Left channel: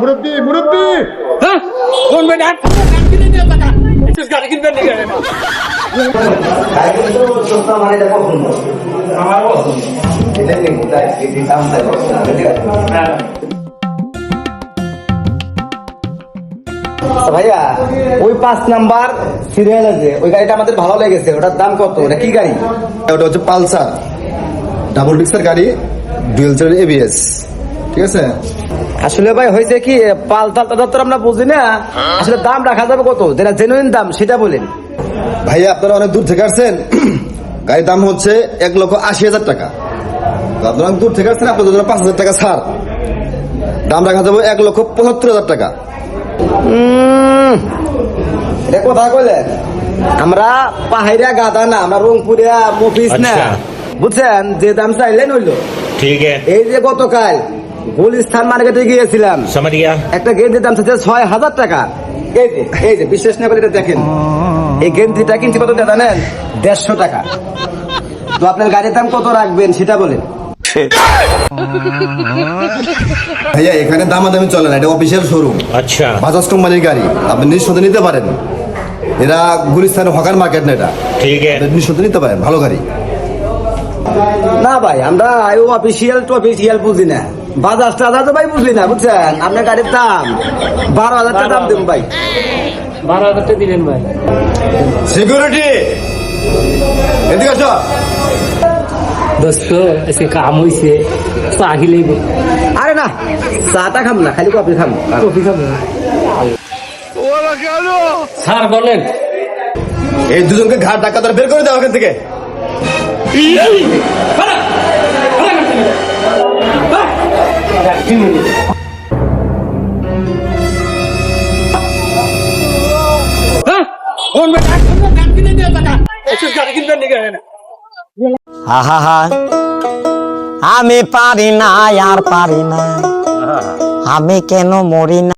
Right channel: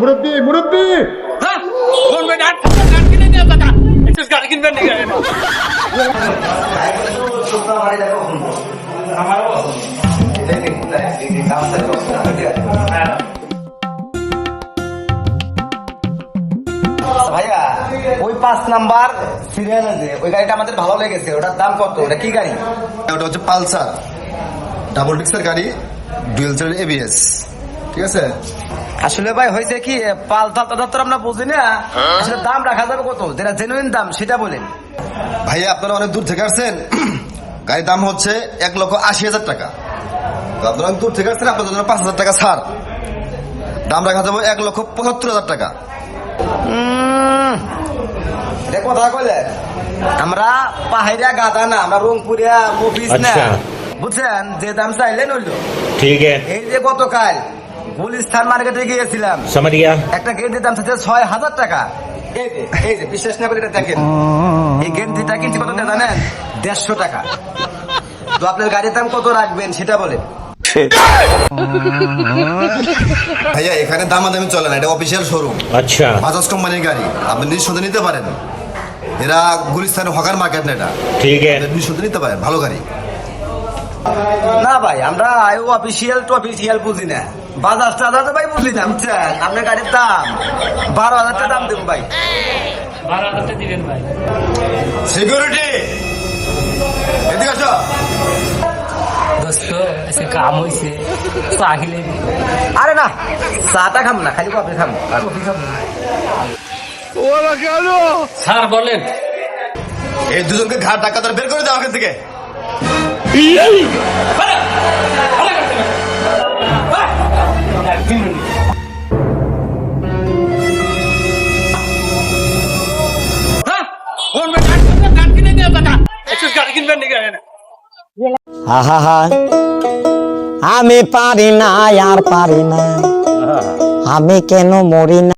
মুরব্বি মুরব্বি হ্যাঁ কোন ভাই ডাক কিনে দিয়ে টাকা একটু গাড়ি কিনবেন নাকি ভাইয়া ওই 5 নাম্বার সিরিয়াল আছে ওই গাড়িটা আমাদের ভালো লেগেছে ওটার দাম কত ওটা কি গাড়ি? ওটা হচ্ছে পালসার ডাবল ডিক্সের গাড়ি ডুয়েল চালার এবিএস ঠিক আছে। আসলে ভাই হয়েছে কি পালসালটা তো আমরা বুঝি না আসলে দাম রাখা যাবে কত যেটা জেনুইন দাম সেটা বলেন। ভাইয়া আপনারা অনেক দূর থেকে আসছেন, গাড়ির দাম হচ্ছে 1,80,000 টাকা। আপনারা অনেক দূর থেকে আসছেন, আপনাদের জন্য 5,000 টাকা ছাড়, দাম রাখা যাবে 1,75,000 টাকা। এটা কথা কইলেন আমরা পাহাড়িয়া গাদা না আমরা রংপুরিয়া মফিস না বুঝছেন যে দাম চাইলেন হইলো ठीक है এই যে গতকাল গুলিস্তান মার্কেটে গিয়েছিলাম समझ गया একটা গেঞ্জির দাম চাইছে 6,000 টাকা। এই যে বিশ্বাস না করে এটা দেখেন এই গেঞ্জিটা কিনছি কত টাকা জানেন? 150 টাকা। তো আপনার গাড়ির দাম কত রাখবেন সেটা বলেন। ভাইয়া এখানে দামাদামি চলে না, এটা অফিসিয়াল শোরুম, अच्छा বাজাজ কোম্পানির গাড়ি, আপনি নিঃসন্দেহে নিতে পারেন। এরা গুলিস্তানের হকার মার্কেট না, এটা ठीक है নিঃসন্দেহে নিতে পারেন, ভালো গাড়ি। না ভাই আমরা অফিসিয়াল টু অফিসিয়াল বুঝি না, বাজাজ টাজাজ ভাই বুঝি না বুঝছেন। আপনার গাড়ির দাম 12,000 টাকা দাম দেবো ভাই। 12,000 টাকা দিবেন ভাই। সিকিউরিটি এদিকে আসো। দোস্ত এসে কাম হইছে তো আহিলেই আরে না চাটা খাম না খালি কফি খাম। কফি খাবো স্যার বলেন এই দুজনকে ঘাট ধাক্কা ধরে বের করে দাও এখান থেকে। হ্যাঁ কোন ভাই ডাক কিনে দিয়ে টাকা একটু গাড়ি কিনবেন নাকি আহা আমি পারি না আর পারি না আমি কেন মরি না।